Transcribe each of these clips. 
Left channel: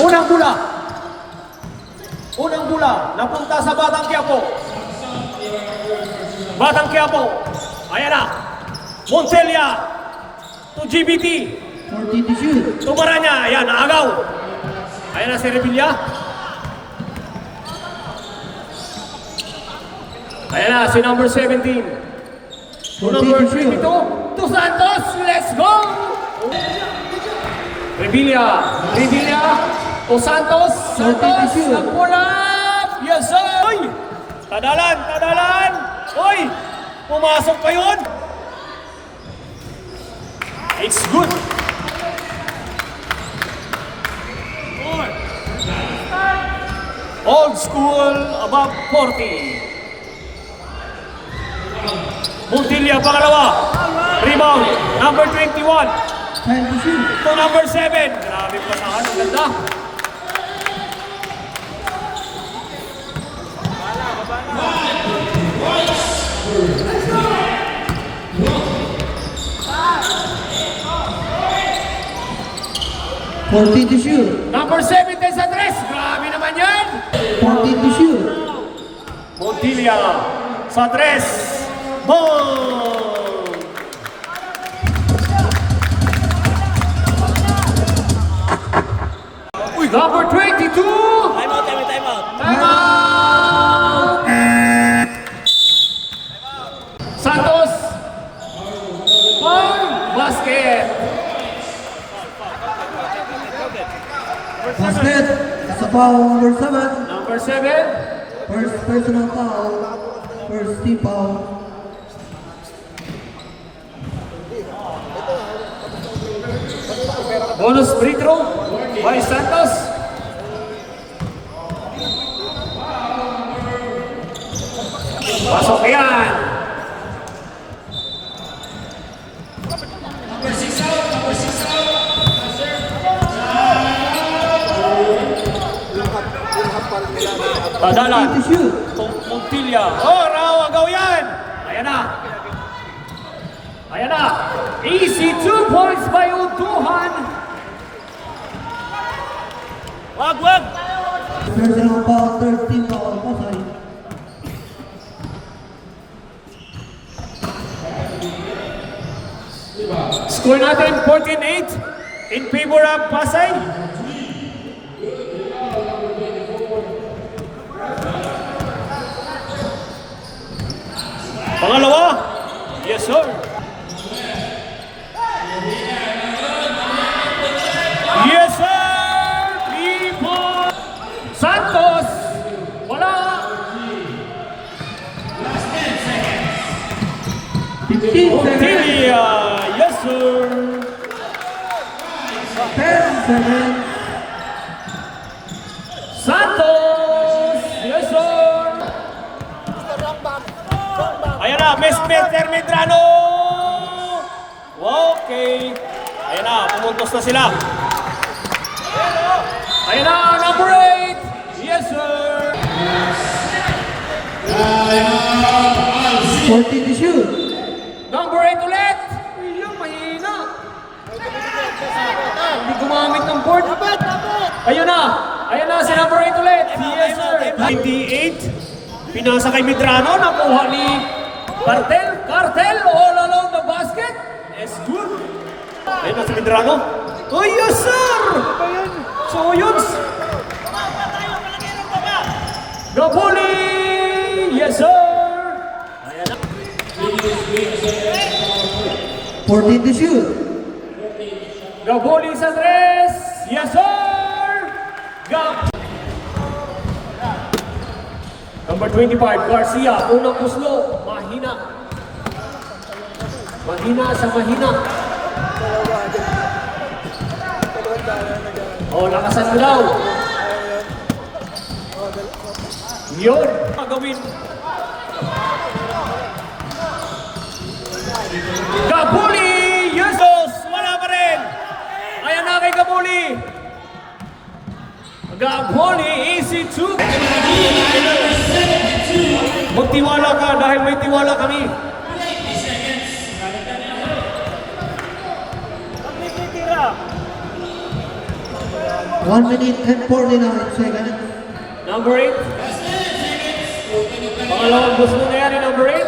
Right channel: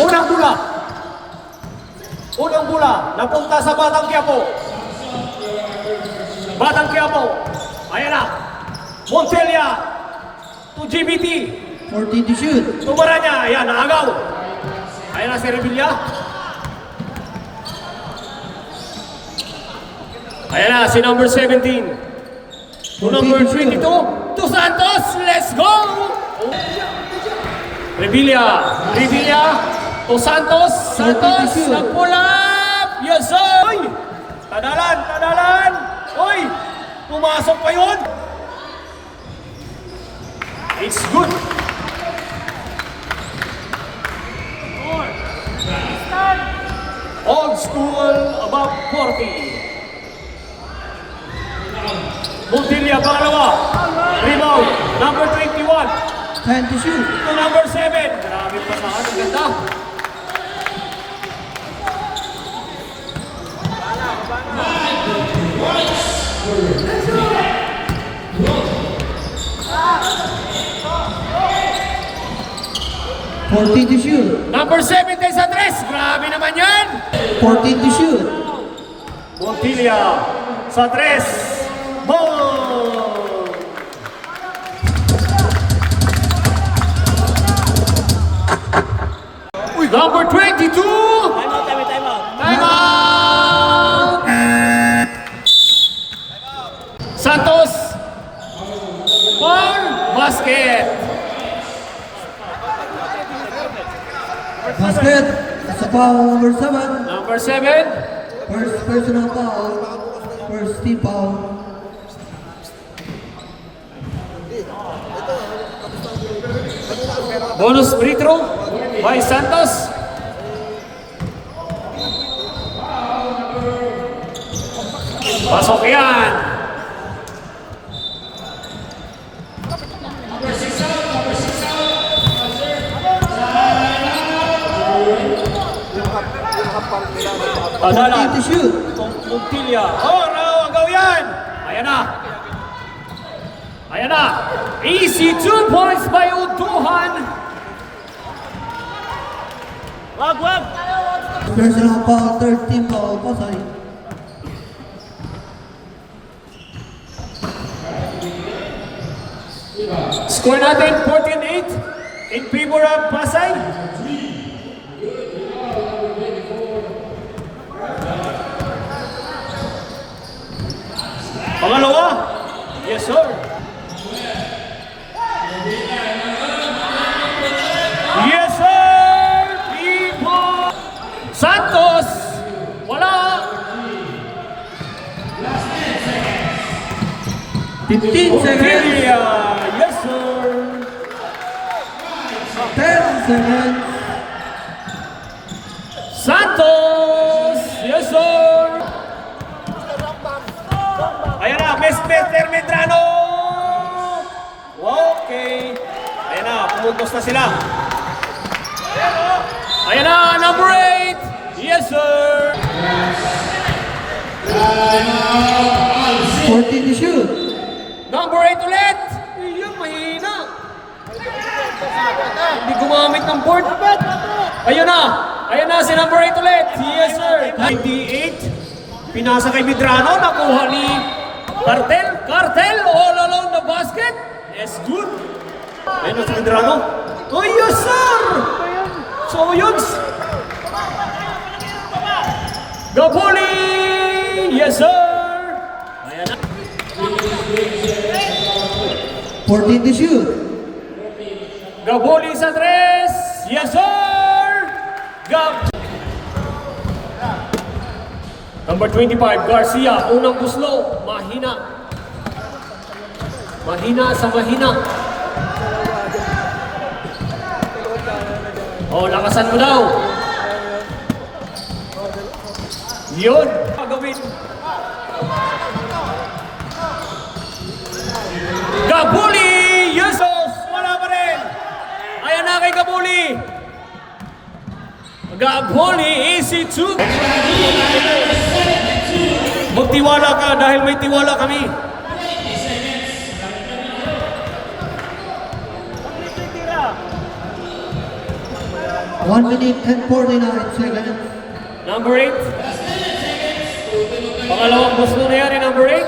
Unang bola. Unang bola. Napunta sa Batang Quiapo. Batang Quiapo. Ayan na. Montella. To GBT. 40 to shoot. Tumara niya. Ayan, naagaw. Ayan na si Revilla. Ayan na si number 17. To number 22. To Santos. Let's go! Revilla. Revilla. To Santos. Santos. Nagpulap. Yes, sir. Oy! Tadalan. Tadalan. Oy! Pumasok pa yun. It's good. Old school, about 40. Montilla, pangalawa. Rebound, number 21. Time to shoot. To number 7. Marami pa sa ang ganda. To shoot. Number 7 tayo sa 3. Grabe naman yan. 14 to shoot. Montilla sa 3. Ball! Uy, number 22! Time out. Time out! Santos! For basket! Basket. Sa foul number 7. Number 7. First personal foul. First team foul. Bonus free throw by Santos. Pasok yan. Padala. To shoot. Montilla. Oh, no, agaw yan. Ayan na. Ayan na. Easy 2 points by Utuhan. Wag. Personal foul. Third team foul. Pasay. Score natin 14-8 in favor of Pasay. Pangalawa. Yes, sir. Yes, sir. People. Santos. Wala. 15 seconds. Yes, sir. 10 seconds. Santos. Yes, sir. Ayan na, Mr. Medrano. Okay. Ayan na, pumuntos na sila. Ayan na, number 8. Yes, sir. 14 to shoot. Number 8 ulit. Ayun, mahina. Hindi gumamit ng board. Ayun na. Ayun na, si number 8 ulit. Yes, sir. 98. Pinasa kay Medrano. Nakuha ni Cartel. Cartel all along the basket. Yes, good. Ayun na si Medrano. Oh, yes, sir. So, yun. Gabuli. Yes, sir. Ayan na. 14 to shoot. Gabuli sa 3. Yes, sir. Number 25, Garcia. Unang kuslo. Mahina. Mahina sa mahina. Oh, lakasan mo daw. Yun. Gagawin. Gabuli! Jesus! Wala pa rin! Ayan na kay Gabuli. Gabuli, easy 2. Magtiwala ka dahil may tiwala kami. 1 minute and 49 seconds. Number 8. Pangalawang gusto na yan, number 8.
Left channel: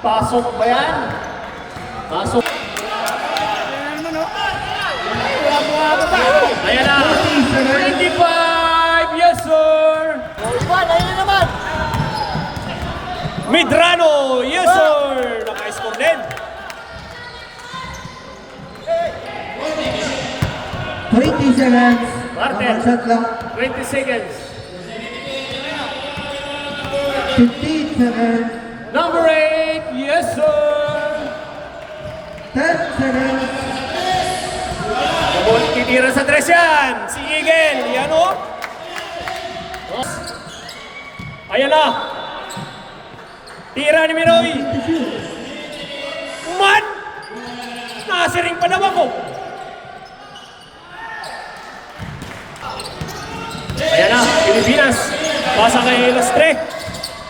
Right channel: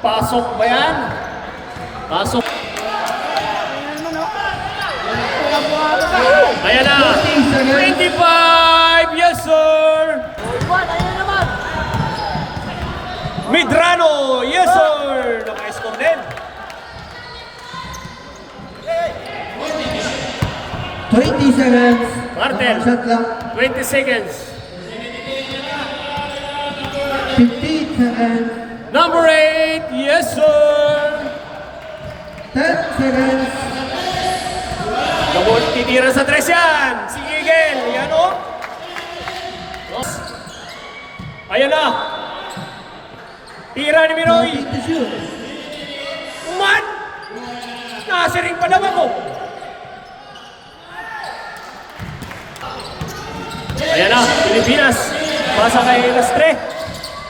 Pasok ba yan? Pasok. Ayan na. 25. Yes, sir. Medrano. Yes, sir. Naka-score din. 20 seconds. Martel. Shot lang. 20 seconds. 15 seconds. Number 8. Yes, sir. 10 seconds. Kabon, titira sa tres yan. Si Miguel. Yan o. Ayan na. Tira ni Minoy. To shoot. Man! Nasiring pa naman ko. Ayan na, Pilipinas. Pasa kay Lastre.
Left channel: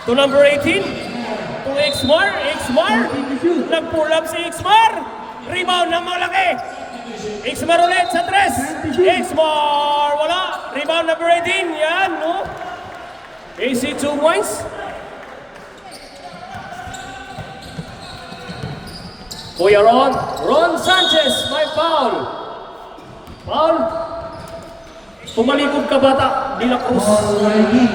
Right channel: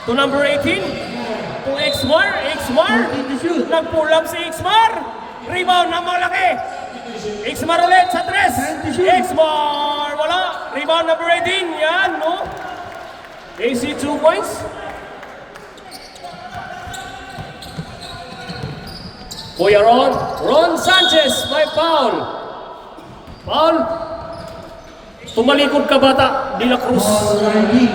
To number 18. To Xmar. Xmar. Nag-pull up si Xmar. Rebound na malaki. Xmar ulit sa tres. Xmar. Wala. Rebound number 18. Yan, no? AC 2 points. Kuya Ron Sanchez, may foul. Foul. Tumalikod ka bata, De La Cruz. Already.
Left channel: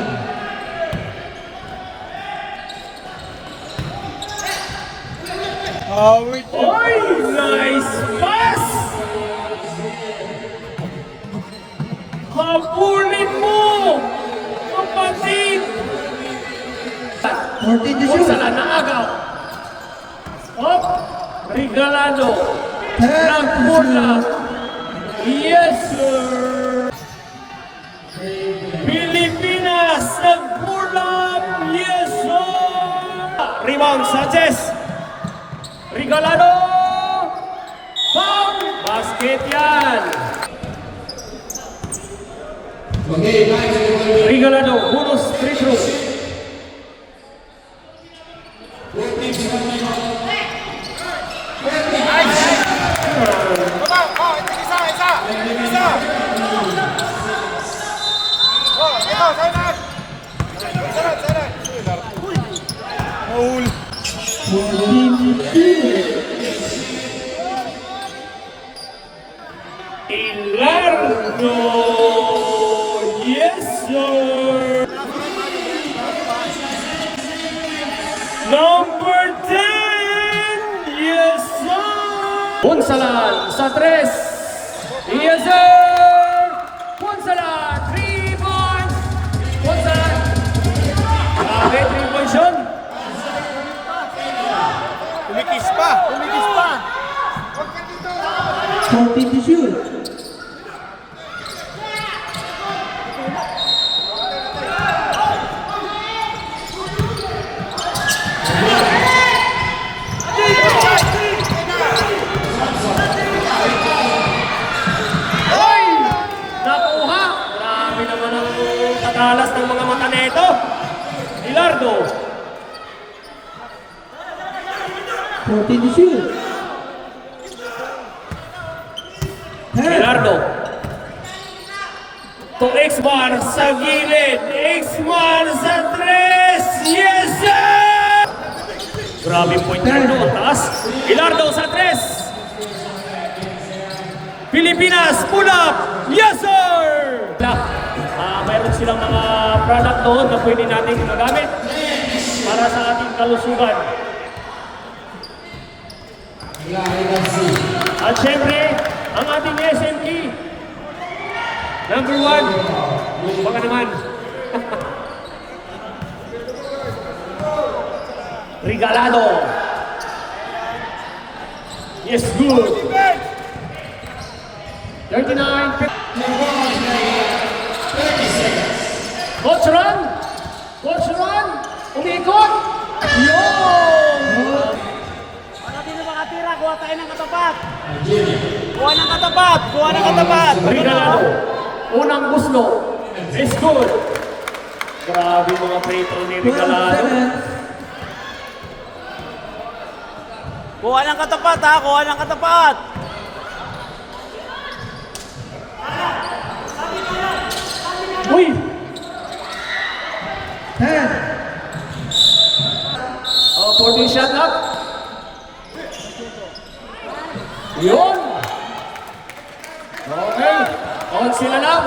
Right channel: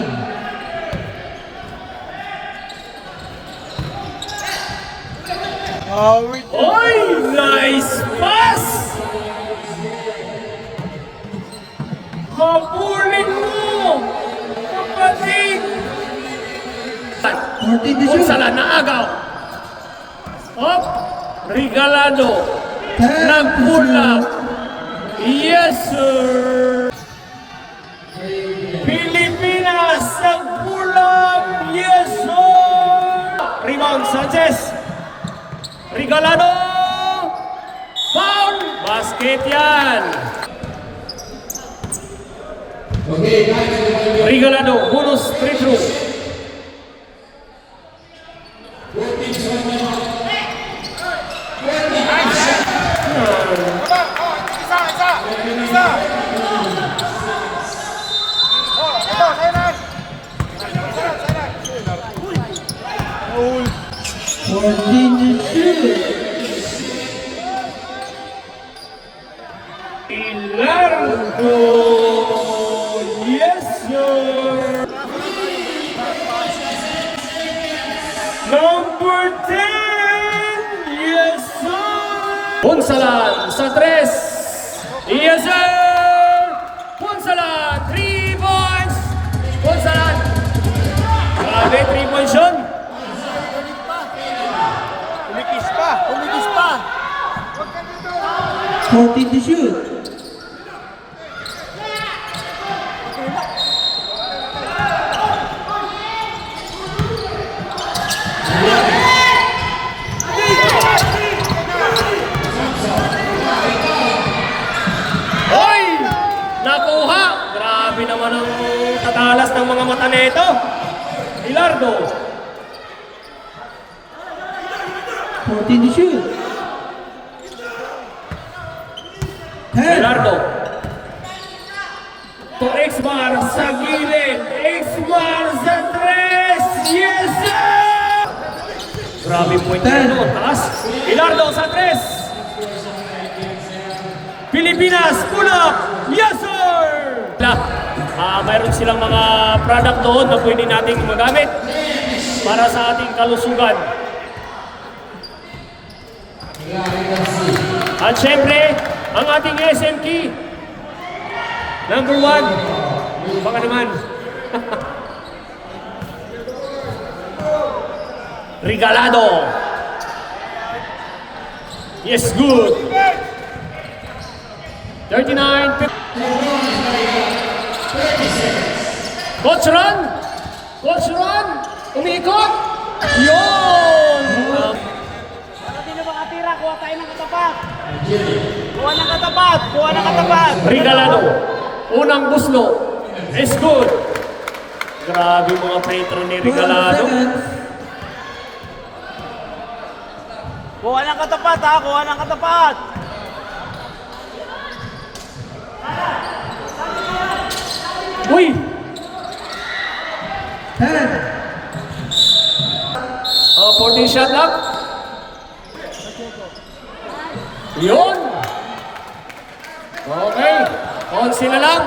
Oy, nice pass! Habulin mo! Kapatid! 14 to Kung shoot. sala naagaw. Op! Regalado. 10 to Nagpulap. shoot. Yes, sir! Pilipinas, nagpulap. Yes, sir! Rebound, Sanchez. Regalado. Foul. Basket yan. Regalado, bonus free throw. Ilardo. Yes, sir. Number 10. Yes, sir. Punsalan sa tres. Yes, sir. Punsalan. 3 points. Punsalan. Grabe, 3 points yun. Kumikis pa. 14 to shoot. Hoy! Nakuha! Grabe naman ang tatalas ng mga mata nito. Ilardo. 14 to shoot. 10. Ilardo. To Xmar sa gilid. Xmar sa tres. Yes, sir! Grabe point na yun. Taas. Ilardo sa tres. Pilipinas, pull up! Yes, sir! Mayroon silang mga product doon na pwede nating magamit para sa ating kalusugan. At syempre, ang ating SMT. Number 1. Baka naman. Regalado. Yes, good. 39. Coach Ron! Coach Ron! Umikot! Yun! Hindi na makatira, kuha tayo ng katapat. Kuha ng katapat. Regalado. Unang buslo. Is good. Grabe mga free throw ni 12 Regalado. seconds. Kuha ng katapat ha, kuha ng katapat. 11 na lang.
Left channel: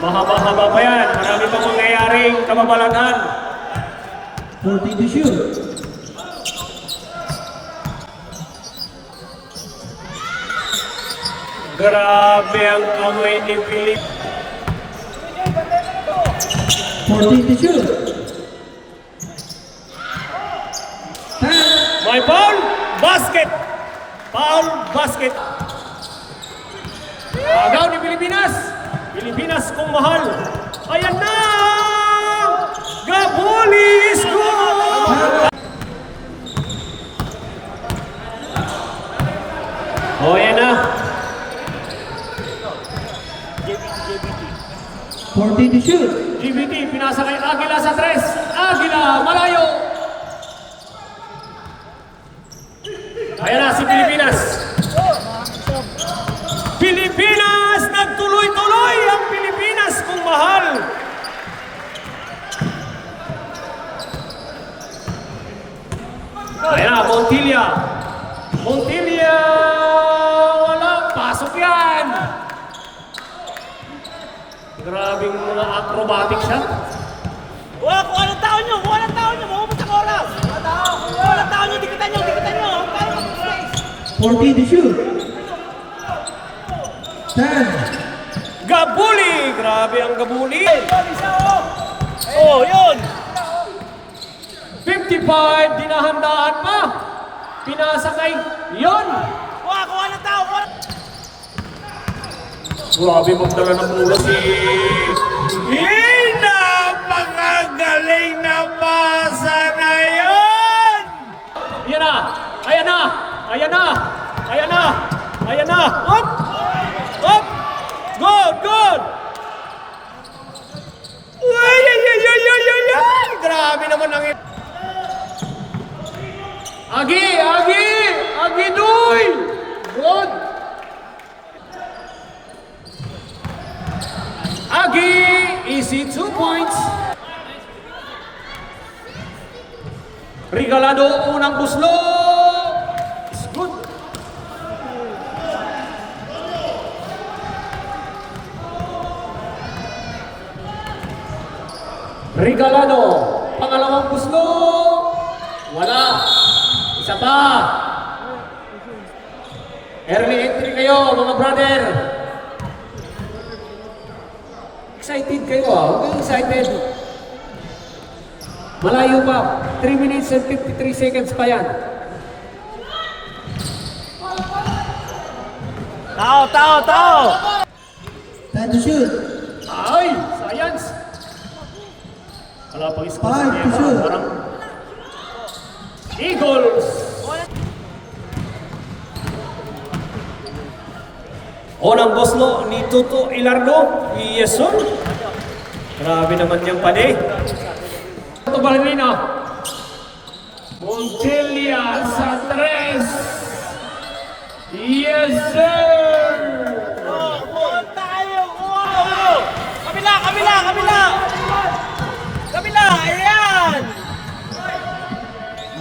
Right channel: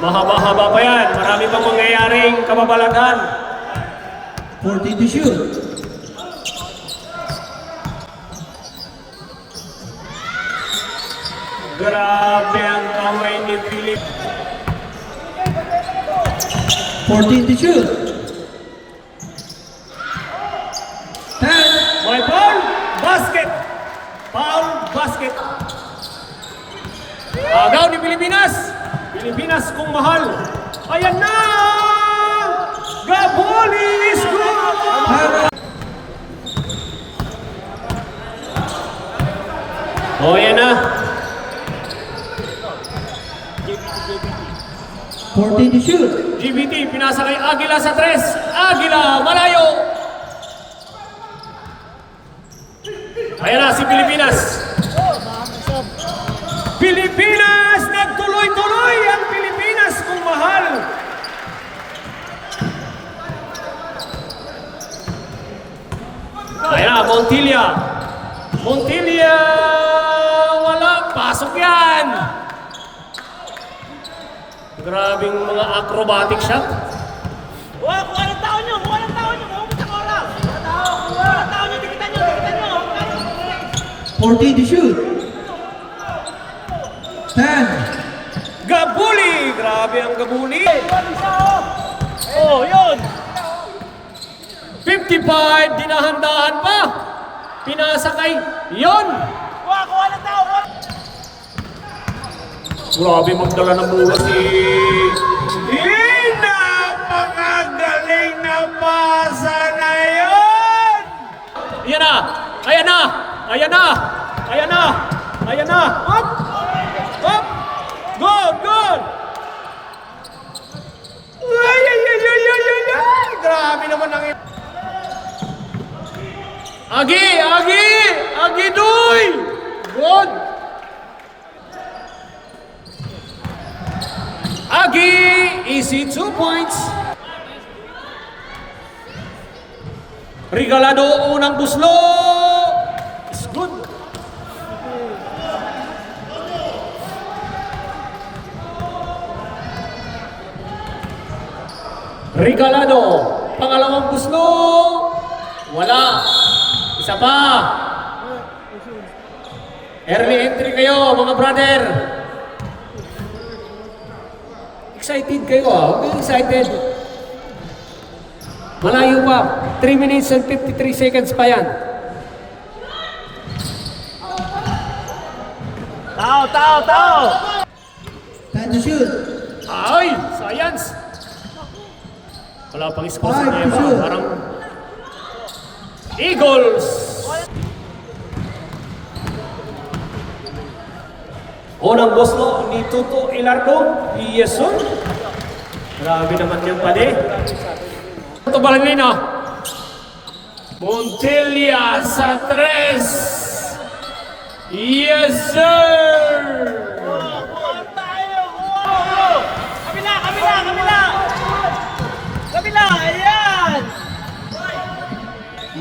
Mahaba-haba pa yan. Marami pang mangyayaring kamabalagan. 14 to shoot. Grabe ang kamay ni Philip. 14 to shoot. 10. May foul, basket. Foul, basket. Agaw ni Pilipinas. Pilipinas kung mahal. Ayan na! Gaboli score! Oh, yan na. 14 to shoot. GBT, pinasa kay Agila sa 3. Agila, malayo. Ayan na si Pilipinas. Pilipinas, nagtuloy-tuloy ang Pilipinas kung mahal. Ayan na, Montilla. Montilla, wala, pasok yan. Grabing mga acrobatic shot. Wow, kuha ng tao nyo! Kuha ng tao nyo! Mumupot ang oras! Kuha ng tao nyo! Dikitan nyo! Dikitan nyo! 14 to shoot. 10. Gabuli! Grabe ang Gabuli! Oh, yun! 55, dinahandaan pa. Pinasa kay yon. Kuha ng tao! Kuha! Grabe magdala ng bola si... Napakagaling na pasa na yun! Ayan na! Ayan na! Ayan na! Ayan na! Ayan na! Up! Up! Good! Good! Ay! Ay! Ay! Ay! Ay! Ay! Ay! Grabe naman ang... Agi! Agi! Agi Duy! Good! Agi! Easy 2 points. Regalado unang buslo. It's good. Regalado. Pangalawang buslo. Wala. Isa pa. Early entry kayo mga brother. Excited kayo ah. Huwag kayong excited. Malayo pa. 3 minutes and 53 seconds pa yan. Tao! 10 to shoot. Ay! Science! Wala pang score sa 5 to Nieva. shoot. Parang Eagles! Unang boslo ni Tuto Ilardo. Yes, sir. Grabe naman yung pade. Ito ba rin na? Montilla sa 3. Yes, sir! Kuha tayo! Kuha! Kabila! Kabila! Kabila! Kabila! Ayan!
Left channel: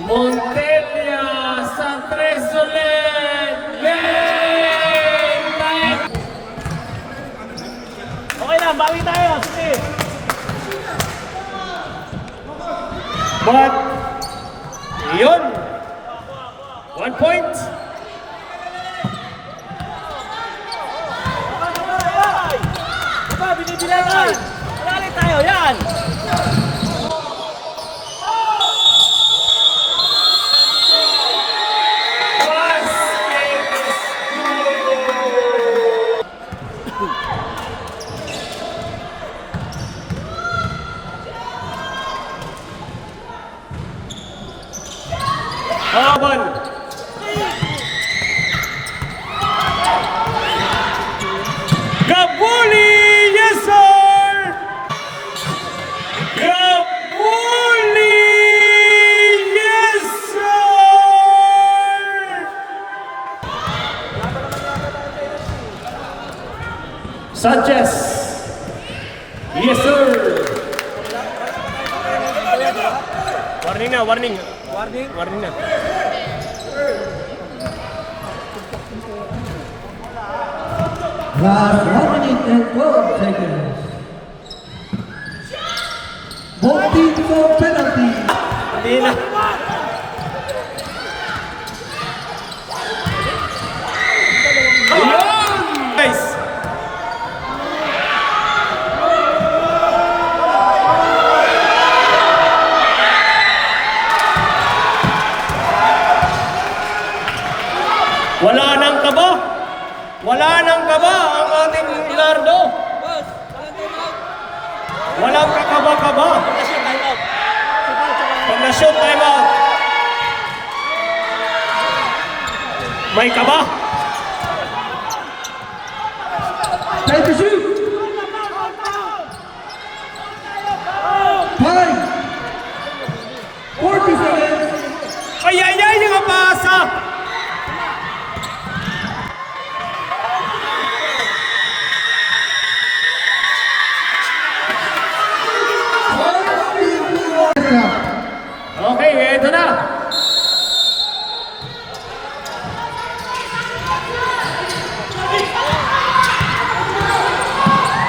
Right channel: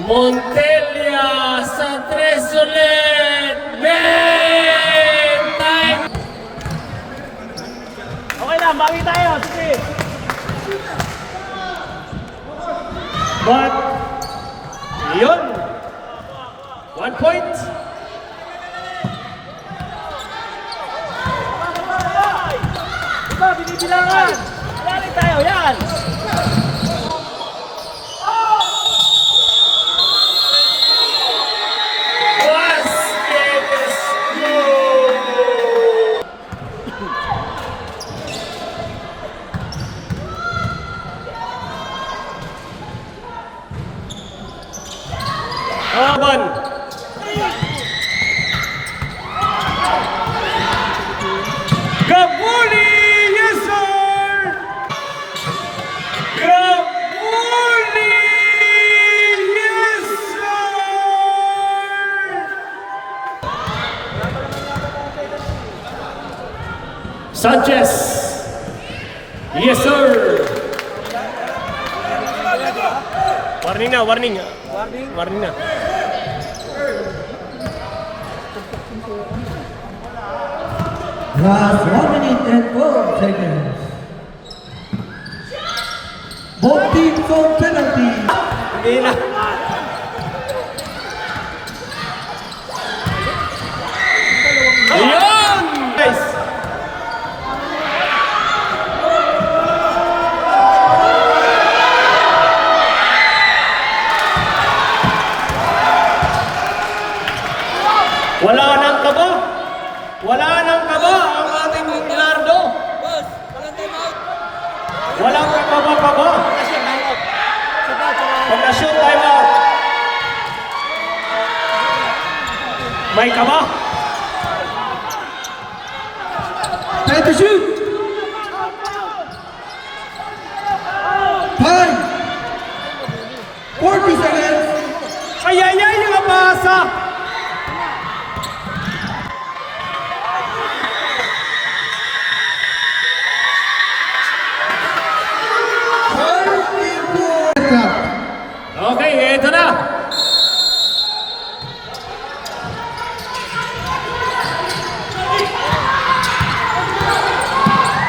Montilla sa 3 ulit! Game time! Okay lang, bawi tayo. Sige. But, yun. 1 point. Ito, binibilangan. Lari tayo, yan. Basket is good. Laban. Gabuli, yes sir! Gabuli, yes sir! Sanchez, yes sir! Warning na, warning. Warning na. Last 1 minute and 4 seconds. Both teams for penalty. Hindi na. Ayun! Guys! Wala nang kaba. Wala nang kaba ang ating Bilardo. Walang kakaba-kaba. Pag na-shoot, time out. May kaba. Time to shoot. 5, 40 seconds. Ay, ay, ay, nakapasa. Okay, eto na.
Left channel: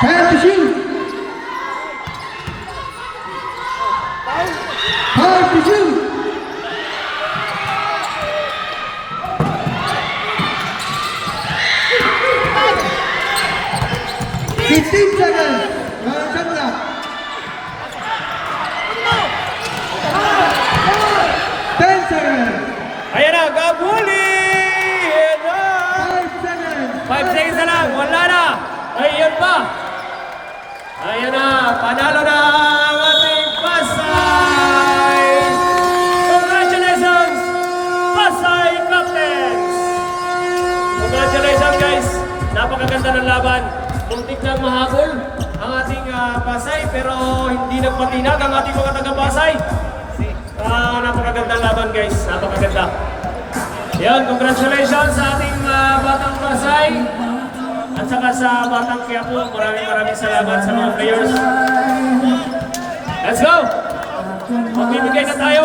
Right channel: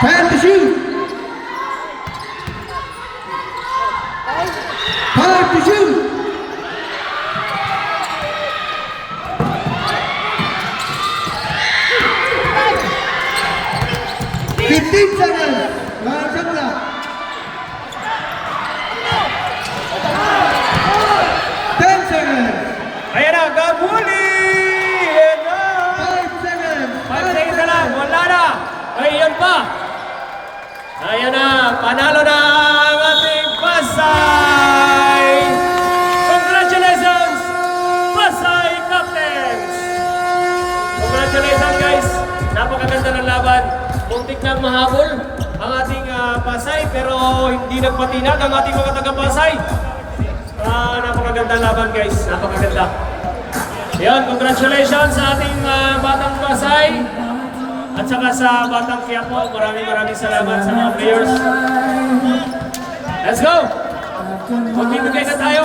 Time to shoot. Time to shoot. Fifteen seconds. Walang shot clock. 10 seconds. Ayan na, gabuli! Ayan na! 5 seconds. 5 seconds na lang, wala na! Ayun pa! Ayan na, panalo na ang ating Pasay! Congratulations, Pasay Captains! Congratulations guys! Napakaganda ng laban. Muntik nang mahabol ang ating Pasay pero hindi nagpatinag ang ating mga taga-Pasay. Napakagandang laban guys, napakaganda. Yan, congratulations sa ating Batang Pasay at saka sa Batang Quiapo. Maraming salamat sa mga players. Let's go! Magbibigay na tayo.